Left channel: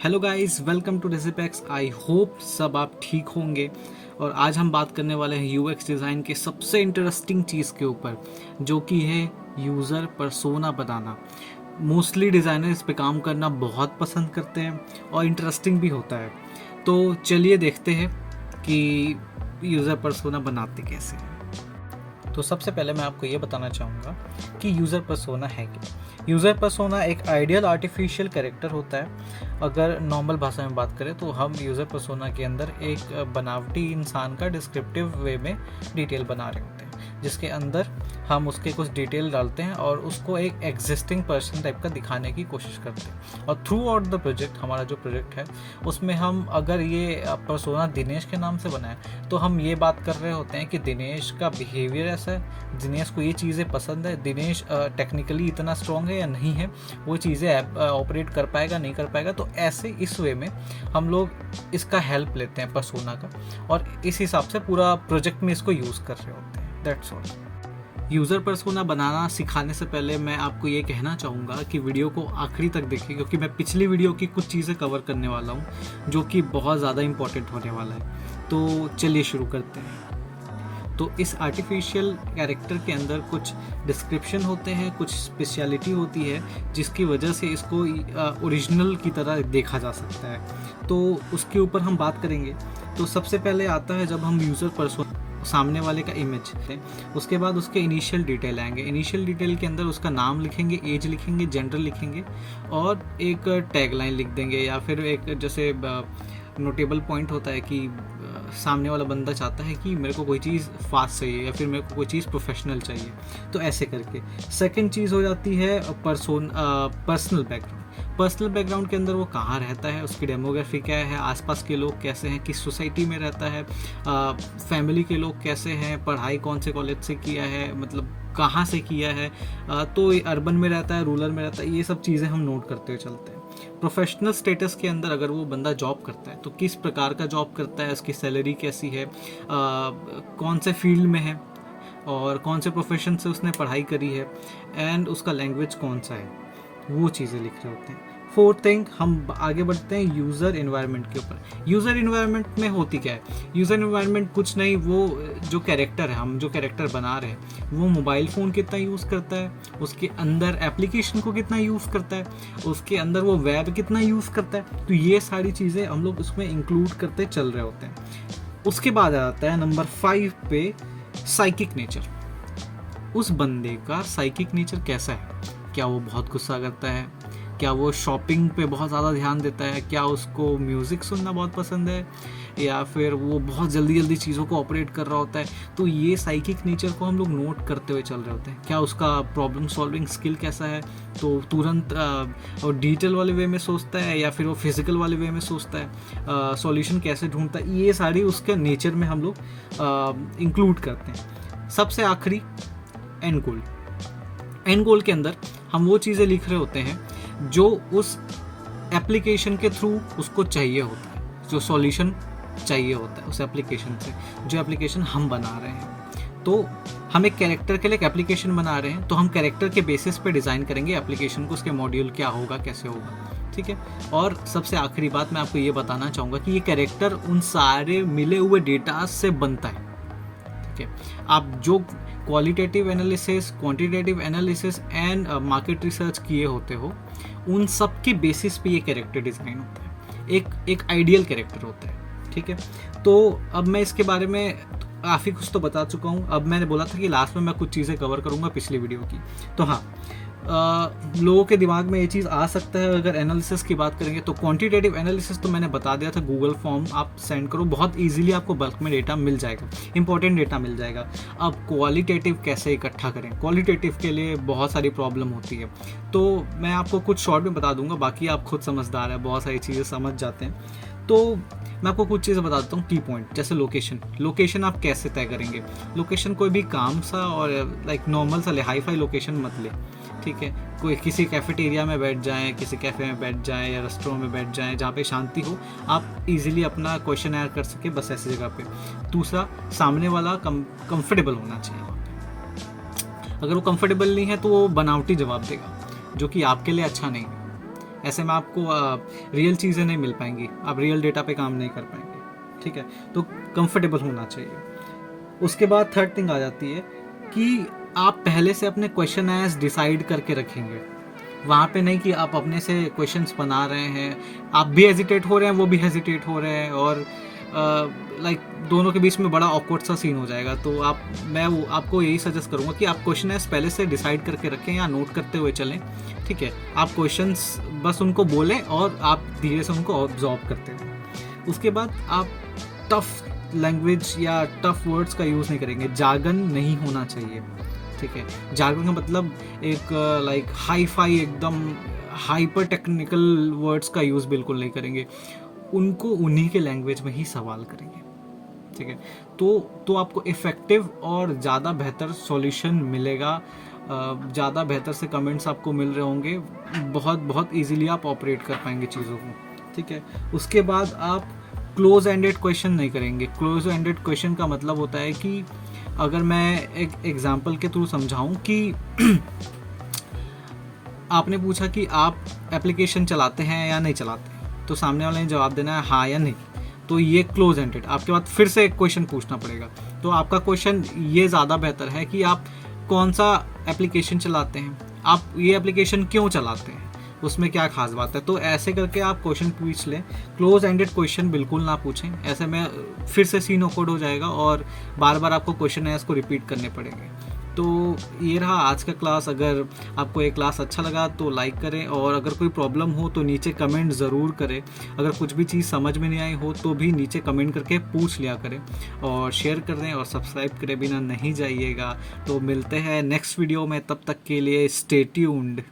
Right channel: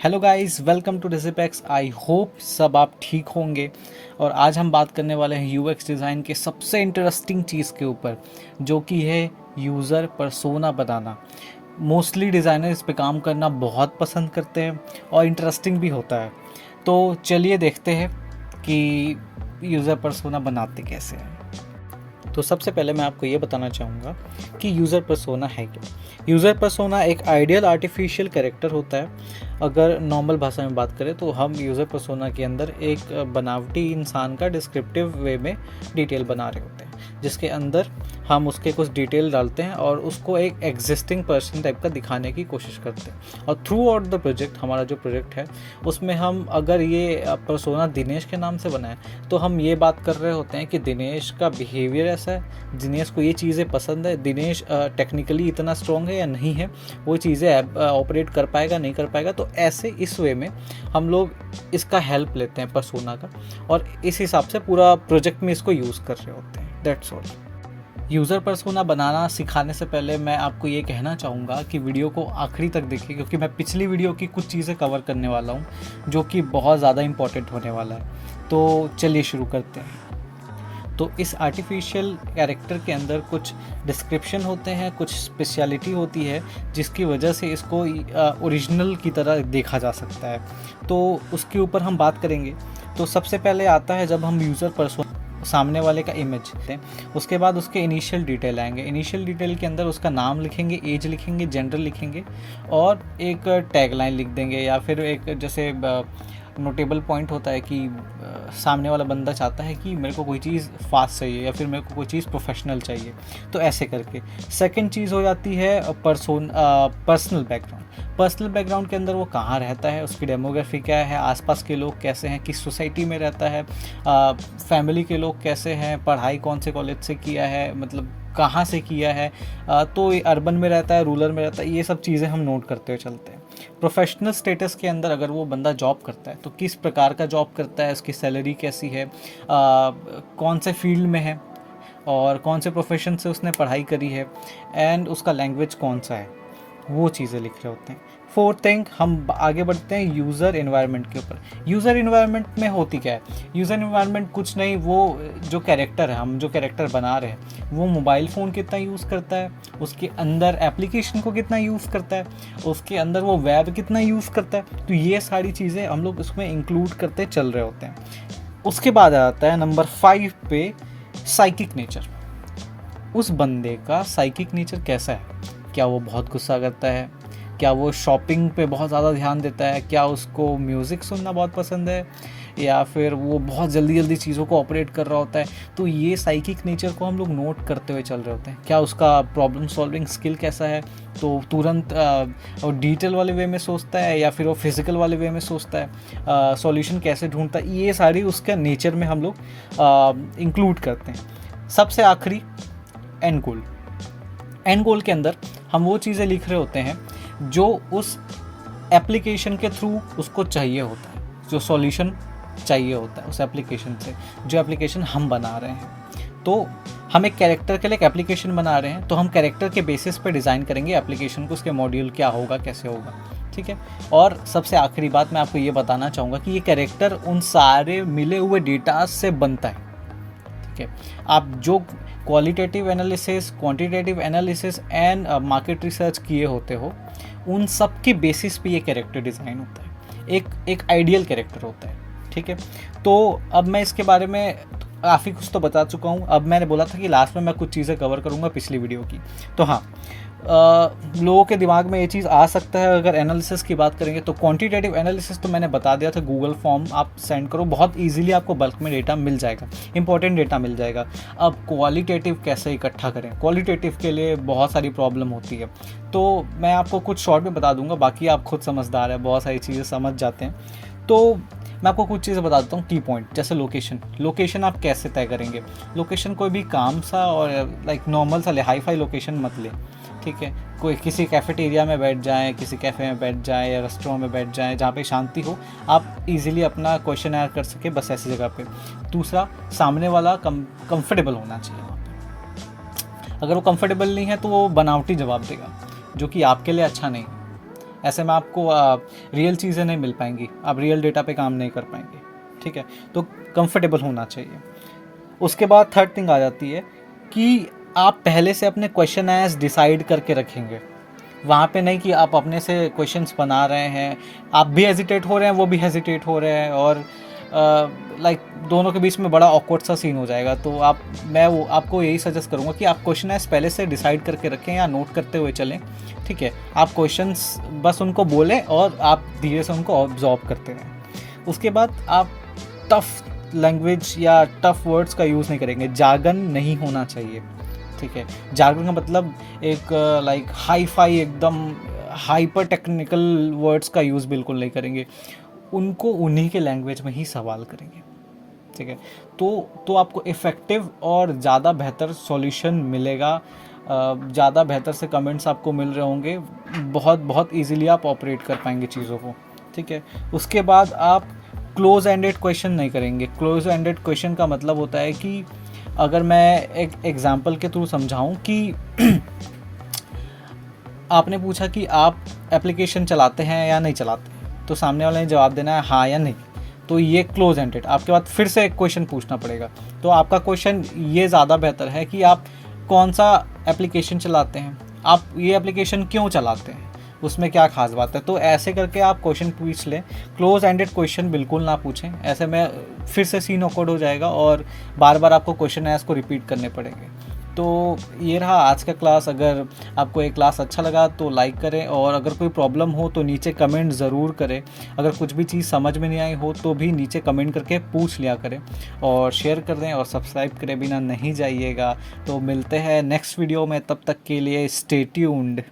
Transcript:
Hello guys, welcome to Digipex. I hope सब आप ठीक होंगे। और आज हम बात करने वाले हैं यूएक्स डिज़ाइन के सबसे इंटरेस्टिंग चीज़ के ऊपर, जो कि है यूज़र पर्सोना बनाना। मोस्टली डिज़ाइनर इस पे काम करना बहुत पसंद करते हैं और इंटरेस्टिंग भी होता है। तो चलिए देखते हैं कि यूज़र पर्सोना बनाते कैसे हैं। तो सबसे पहले मैं आपको ये बताना चाहूँगा कि यूज़र पर्सोना है क्या। यूज़र पर्सोना एक आइडियल आर्टिफिशियल कैरेक्टर होता है। अगर नॉर्मल भाषा में बात करें तो हम यूज़र पर्सोना के अंदर एक बनावटी इंसान का डिस्क्रिप्टिव वे में डिटेल बना रहे होते हैं, जिसके अंदर हम उसके कुछ डिटेल डालते हैं और उसको एक एग्जिस्टिंग पर्सन टाइप का दिखाने की कोशिश करते हैं। और थ्रू आउट द प्रोजेक्ट, हमारा जो प्रोजेक्ट है उसमें हम अगर ये पर्सोना दिनेश के नाम से बनाए तो हम ये बात कर रहे होते हैं कि दिनेश का बिहेवियर ऐसा है, दिनेश को ये चीज़ें पसंद है, दिनेश टेक्निकली इतना स्ट्रॉन्ग है या नहीं है, वो चीज़ें ऑपरेट कर पाएगा नहीं कर पाएगा। तो ऐसे इस वे में हम लोग इसका हेल्प लेते हैं पर्सोना का, और इस हिसाब से पूरा प्रोजेक्ट में इसको यूज़ कर रहे होते हैं। That's all. यूज़र पर्सोना बनाना सिखाने से पहले मैं आपको ये कहना चाहूँगा कि वीडियो को आखिरी तक देखिए, क्योंकि मैं पिछली वीडियो की कुछ चीज़ें कवर करने वाला हूँ जो कि बहुत ज़्यादा इम्पॉर्टेंट होने वाला है। तो चलिए शुरू करते हैं। तो इस आर्टिफिशियल कैरेक्टर के अंदर कुछ डिस्क्रिप्शन होते हैं, कुछ स्पेशलिटी होती है जिसकी वजह से इसको ओरिजिनल की तरह देखा जा सकता है। तो उसके ऊपर हम बात करेंगे। तो सबसे पहले आता है जब हम यूज़र पर्सोना सामने वाले का इमेज लेते हैं, उसके बाद उसके इनिशियल डिटेल आएंगे। इनिशियल डिटेल के अंदर उसका नाम लिखेंगे, एज लिखेंगे, जेंडर लिखेंगे और एक टैगलाइन लिख देंगे, या फिर एक जैसे नोटेबल पॉइंट होता है कि सामने वाला बंदा चाहता है कि मेरे को कोई चीज़ फास्ट चाहिए या फिर मेरे को कोई चीज़ प्रोफेशनल चाहिए, तो ऐसे करके। सेकंड चीज़ हो जाती है पर्सनल बैकग्राउंड। पर्सनल बैकग्राउंड के अंदर वो कहाँ रहता है, उसकी डेमोग्राफी क्या है, आसपास के लोग कैसे हैं, किस सोसाइटी में रहता है, फैमिली के लोग कैसे हैं, पढ़ाई कौन से कॉलेज से किया है, मतलब कहाँ से किया है, तो अर्बन में रहता है, रूरल में रहता है, ये सब चीज़ें हम नोट करते हुए चलते हैं। प्रोफेशनल स्टेटस के अंदर अगर वो बंदा जॉब करता है तो किस प्रकार का जॉब करता है, उसकी सैलरी कैसी है, कौन से फील्ड में है और कौन से प्रोफेशन से उसने पढ़ाई करी है, एंड उसका लैंग्वेज कौन सा है, वो चीज़ें लिख रहे होते हैं। फोर्थ थिंग, हम आगे बढ़ते हैं यूज़र इन्वायरमेंट के ऊपर। यूज़र इन्वायरमेंट में होती क्या है? यूज़र इन्वायरमेंट कुछ नहीं, वो जो कैरेक्टर है, हम जो कैरेक्टर बना रहे हैं, वो मोबाइल फ़ोन कितना यूज़ करता है, उसके अंदर एप्लीकेशन को कितना यूज़ करता है, उसके अंदर वो वेब कितना यूज़ करता है, तो ये सारी चीज़ें हम लोग उसमें इंक्लूड करते चल रहे होते हैं। उसके बाद आ जाता है नंबर 5 पे, साइकिक नेचर। उस बंदे का साइकिक नेचर कैसा है? क्या वो बहुत गुस्सा करता है? क्या वो शॉपिंग पे बहुत ज़्यादा ध्यान देता है? क्या उसको म्यूज़िक सुनना बहुत पसंद है? या फिर वो बहुत जल्दी जल्दी चीज़ों को ऑपरेट कर रहा होता है? तो ये साइकिक नेचर को हम लोग नोट करते हुए चल रहे होते हैं। क्या उसका प्रॉब्लम सॉल्विंग स्किल कैसा है? तो तुरंत और डिजिटल वाले वे में सोचता है या फिर वो फिज़िकल वाले वे में सोचता है? सॉल्यूशन कैसे ढूंढता है? ये सारी उसके नेचर में हम लोग इंक्लूड करते हैं। सबसे आखिरी, एंड गोल। एंड गोल के अंदर हम वो चीज़ें लिख रहे होते हैं जो उस एप्लीकेशन के थ्रू उसको चाहिए होता है, जो सॉल्यूशन चाहिए होता है उस एप्लीकेशन से, जो एप्लीकेशन हम बना रहे हैं। तो हम एक कैरेक्टर के लिए एक एप्लीकेशन बना रहे हैं, तो हम कैरेक्टर के बेसिस पे डिज़ाइन करेंगे एप्लीकेशन को, उसके मॉड्यूल क्या होगा, कैसे होगा, ठीक है। और सबसे आखिरी बात मैं आपको ये बताना चाहूँगा कि ये कैरेक्टर उन सारे मिले हुए डेटा से बनता है, ठीक है। आप जो qualitative analysis, quantitative analysis and market research किए होते हो, उन सब के बेसिस पे ये कैरेक्टर डिज़ाइन होता है, एक आइडियल कैरेक्टर होता है, ठीक है। तो अब मैं इसके बारे में काफ़ी कुछ तो बता चुका हूँ। अब मैंने बोला था कि लास्ट में मैं कुछ चीज़ें कवर करूँगा पिछली वीडियो की। तो हाँ, लोगों के दिमाग में ये चीज़ आ सकता है अगर एनालिसिस की बात करेंगे तो क्वांटिटेटिव एनालिसिस तो मैंने बता दिया था, गूगल फॉर्म आप सेंड करो, बहुत इजीली आपको बल्क में डेटा मिल जाएगा, इंपॉर्टेंट डेटा मिल जाएगा। अब क्वालिटेटिव कैसे इकट्ठा करें, क्वालिटेटिव के लिए बहुत सारी प्रॉब्लम होती है, तो मैं आपको कुछ शॉर्ट में बता दूंगा, बाकी आप खुद समझदार है, बहुत सारी चीज़ें समझ जाते हैं। तो मैं आपको कुछ चीज़ें बता देता हूँ, की पॉइंट। जैसे लोकेशन आप कैसे तय करेंगे? लोकेशन कोई भी काम सा और लाइक नॉर्मल सा ले, हाई फाई लोकेशन मत ले, ठीक है। कोई किसी कैफेटेरिया में बैठ जाएं, किसी कैफ़े में बैठ जाएं या रेस्टोरेंट में बैठ जाएं जहाँ पे शांति हो, आप इजीली अपना क्वेश्चन आंसर कर सके, बस ऐसी जगह पे। दूसरा, सामने वाला कंफर्टेबल होना चाहिए वहाँ पे। अगर वो कंफर्टेबल नहीं है तो वो बनावटी जवाब देगा, जो कि आपके लिए अच्छा नहीं है। ऐसे में आपको रियल चीज़ें नहीं मिल पाएंगी, आप रियल डेटा पे काम नहीं कर पाएंगे, ठीक है। तो कंफर्टेबल होना चाहिए। उसके बाद थर्ड थिंग आ जाती है कि आप पहले से अपने क्वेश्चन एज डिसाइड करके रखेंगे। वहाँ पे नहीं कि आप अपने से क्वेश्चंस बना रहे हैं, आप भी हेजिटेट हो रहे हैं, वो भी हेजिटेट हो रहे हैं, और लाइक दोनों के बीच में बड़ा ऑकवर्ड सा सीन हो जाएगा। तो मैं आपको यही सजेस्ट करूँगा कि आप क्वेश्चन एज पहले से डिसाइड करके रखें या नोट करते हुए चलें, ठीक है। आप क्वेश्चंस बस उनको बोलें और आप धीरे से उनको ऑब्जॉर्व करते रहें। उसके बाद आप टफ लैंग्वेज या टफ वर्ड्स का यूज़ नहीं करेंगे, जार्गन नहीं होना चाहिए, ठीक है। जार्गन का मतलब एक लाइक हाई फाई एकदम हाइपर टेक्निकल वर्ड्स का यूज़ बिल्कुल नहीं करेंगे, उनको उन्हीं के लैंग्वेज में ही सवाल करेंगे, ठीक है। तो आपको इफ़ेक्टिव और ज़्यादा बेहतर सॉल्यूशन मिलेगा, ज़्यादा बेहतर से कमेंट्स आपको मिल रहे होंगे, बहुत इजीली आप ऑपरेट कर पाएंगे चीज़ों को, ठीक है। उसके बाद आप क्लोज एंडेड क्वेश्चन नहीं करेंगे। क्लोज एंडेड क्वेश्चन का मतलब होता है कि अगर मैं एक एग्जांपल के थ्रू समझाऊं कि आपने पूछा कि आप एप्लीकेशन चलाते हैं या नहीं चलाते हैं, तो सामने वाले ने जवाब देना है हाँ या नहीं, तो ये क्लोज एंडेड। आपके बाद फिर से एक क्वेश्चन पूछना पड़ेगा। तो आपका क्वेश्चन ये ज़्यादा बेहतर है कि आप कौन सा एप्लीकेशन चलाते हैं, आप ये एप्लीकेशन क्यों चलाते हैं, उसमें क्या खास बात है। तो ऐसे करके आप क्वेश्चन पूछ लें। क्लोज एंडेड क्वेश्चन बिल्कुल ना पूछें, ऐसे में फिर से सीन ऑकवर्ड हो जाएगा और बार बार आपको क्वेश्चन है इसको रिपीट करने पड़ेंगे। तो ये रहा आज का क्लास। अगर आपको ये क्लास अच्छा लगा तो लाइक करें, और अगर कोई प्रॉब्लम हो तो नीचे कमेंट ज़रूर करें। अगर कुछ भी चीज़ समझ में नहीं आई हो तो भी नीचे कमेंट करके पूछ लिया करें, और शेयर कर दें और सब्सक्राइब करे बिना नहीं जाइएगा। तो मिलते हैं नेक्स्ट वीडियो में, तब तक के लिए स्टे ट्यून्ड।